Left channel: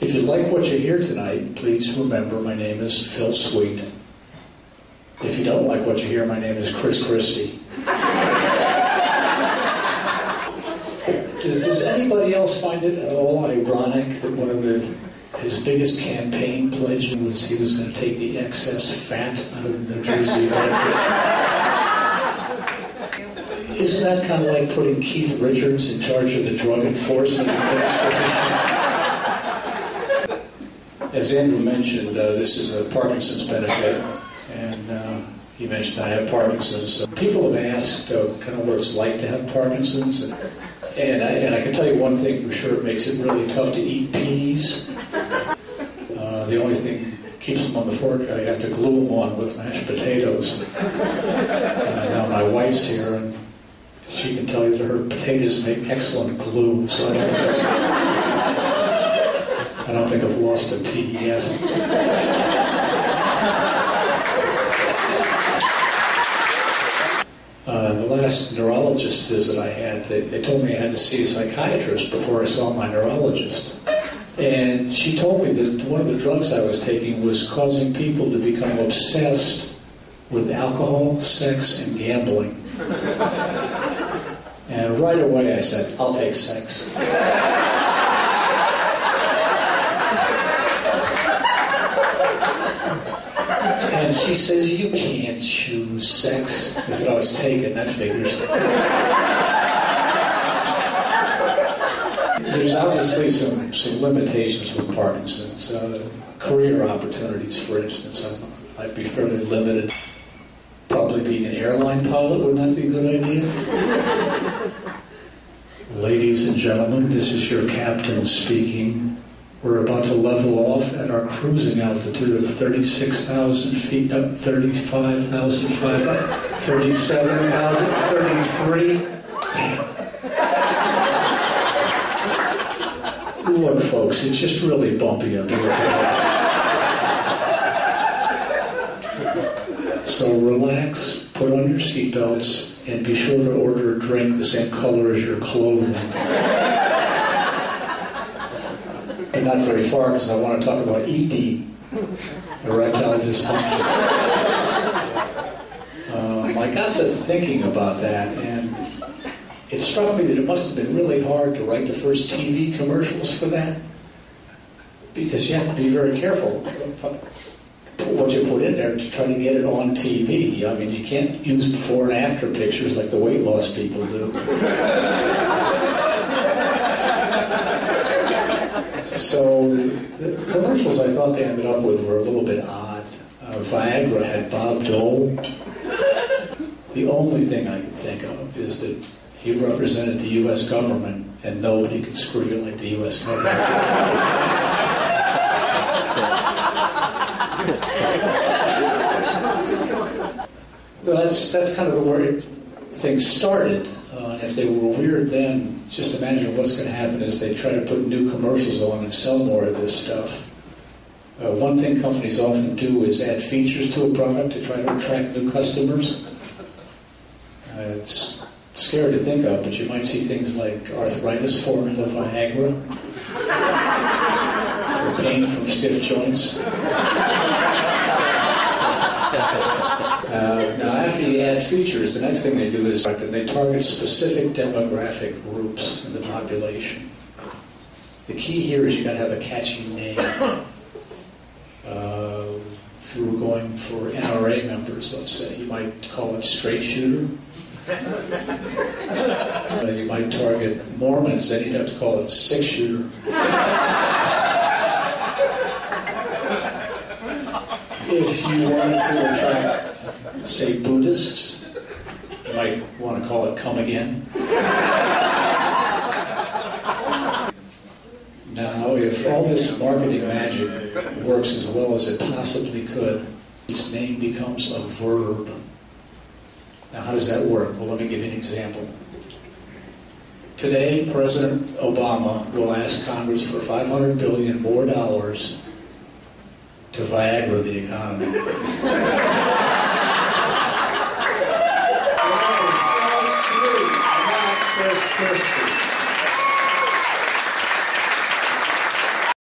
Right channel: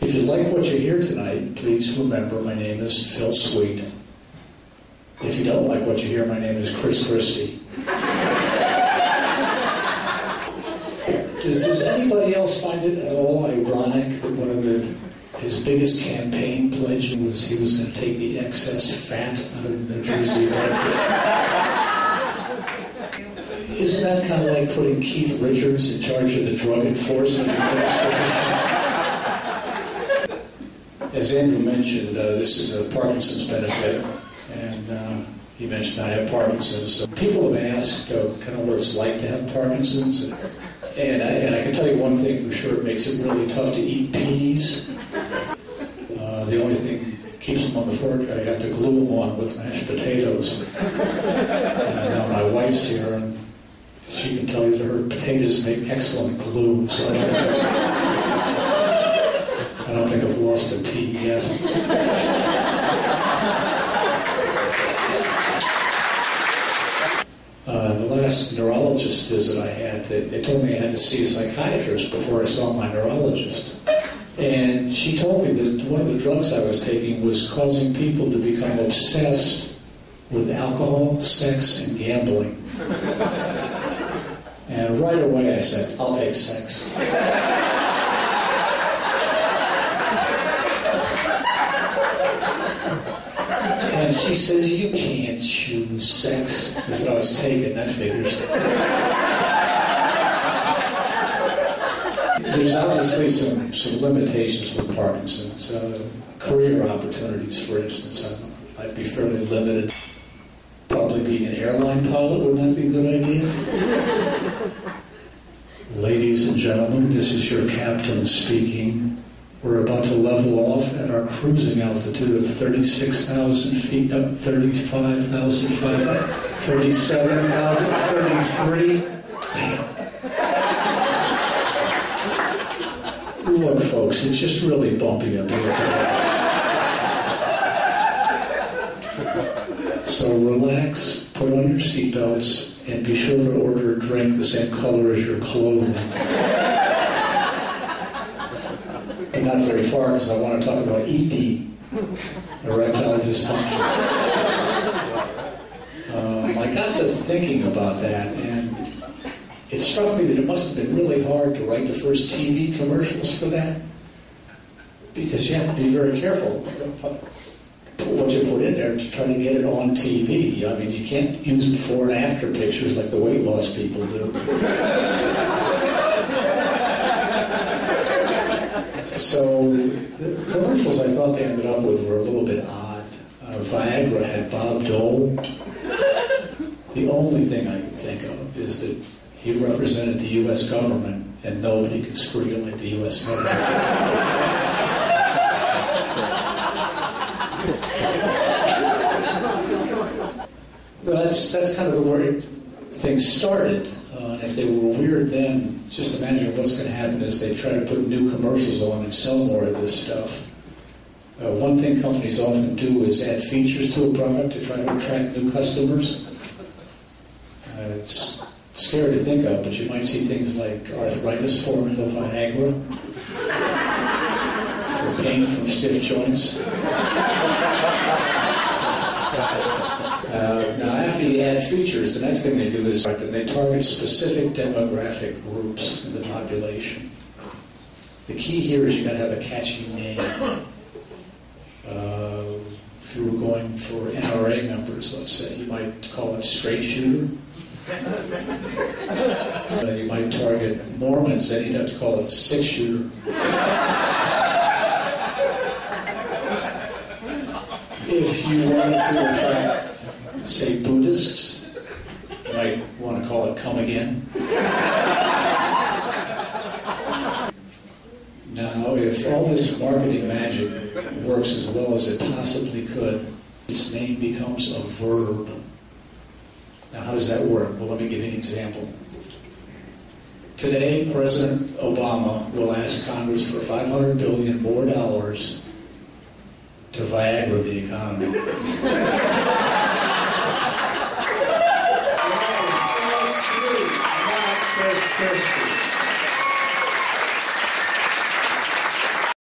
If you like what you hear tonight, please remember my name is Phil Sweet. If you don't like what you hear, my name is Chris Christie. Does anybody else find it at all ironic that one of his biggest campaign pledge was he was going to take the excess fat out of the New Jersey market? Isn't that kind of like putting Keith Richards in charge of the Drug Enforcement Administration? As Andrew mentioned, this is a Parkinson's benefit, and he mentioned I have Parkinson's. People have asked kind of what it's like to have Parkinson's, and I can tell you one thing for sure: it makes it really tough to eat peas. The only thing keeps them on the fork, I have to glue them on with mashed potatoes. Now my wife's here, and she can tell you that her potatoes make excellent glue, so I don't think I've lost a pea yet. The last neurologist visit I had, they told me I had to see a psychiatrist before I saw my neurologist. And she told me that one of the drugs I was taking was causing people to become obsessed with alcohol, sex, and gambling. And right away I said, I'll take sex. And she says, you can't choose sex. I said, I was taken, that figures. There's obviously some limitations with Parkinson's. Career opportunities, for instance, I'd be fairly limited. Probably being an airline pilot would not be a good idea. Ladies and gentlemen, this is your captain speaking. We're about to level off at our cruising altitude of 36,000 feet, 35,000 feet, 37,000, 33. Damn. Look, folks, it's just really bumpy up here. So relax, put on your seatbelts, and be sure to order a drink the same color as your clothing. And not very far, because I want to talk about ED, erectile dysfunction. I got to thinking about that, and it struck me that it must have been really hard to write the first TV commercials for that, because you have to be very careful what you put in there to try to get it on TV. I mean, you can't use before and after pictures like the weight loss people do. So the commercials I thought they ended up with were a little bit odd. Viagra had Bob Dole. The only thing I can think of is that he represented the U.S. government, and nobody could screw you like the U.S. government. That's kind of the way things started. And if they were weird then, just imagine what's going to happen as they try to put new commercials on and sell more of this stuff. One thing companies often do is add features to a product to try to attract new customers. It's scary to think of, but you might see things like arthritis formula Viagra, or pain from stiff joints. Now, after you add features, the next thing they do is they target specific demographic groups in the population. The key here is you got to have a catchy name. If you were going for NRA members, let's say, you might call it straight shooter. You might target Mormons, then you'd have to call it six shooter. If you wanted to attract, say, Buddhists, you might want to call it come again. Now, if all this marketing magic works as well as it possibly could, this name becomes a verb. Now, how does that work? Well, let me give you an example. Today, President Obama will ask Congress for $500 billion more to Viagra the economy.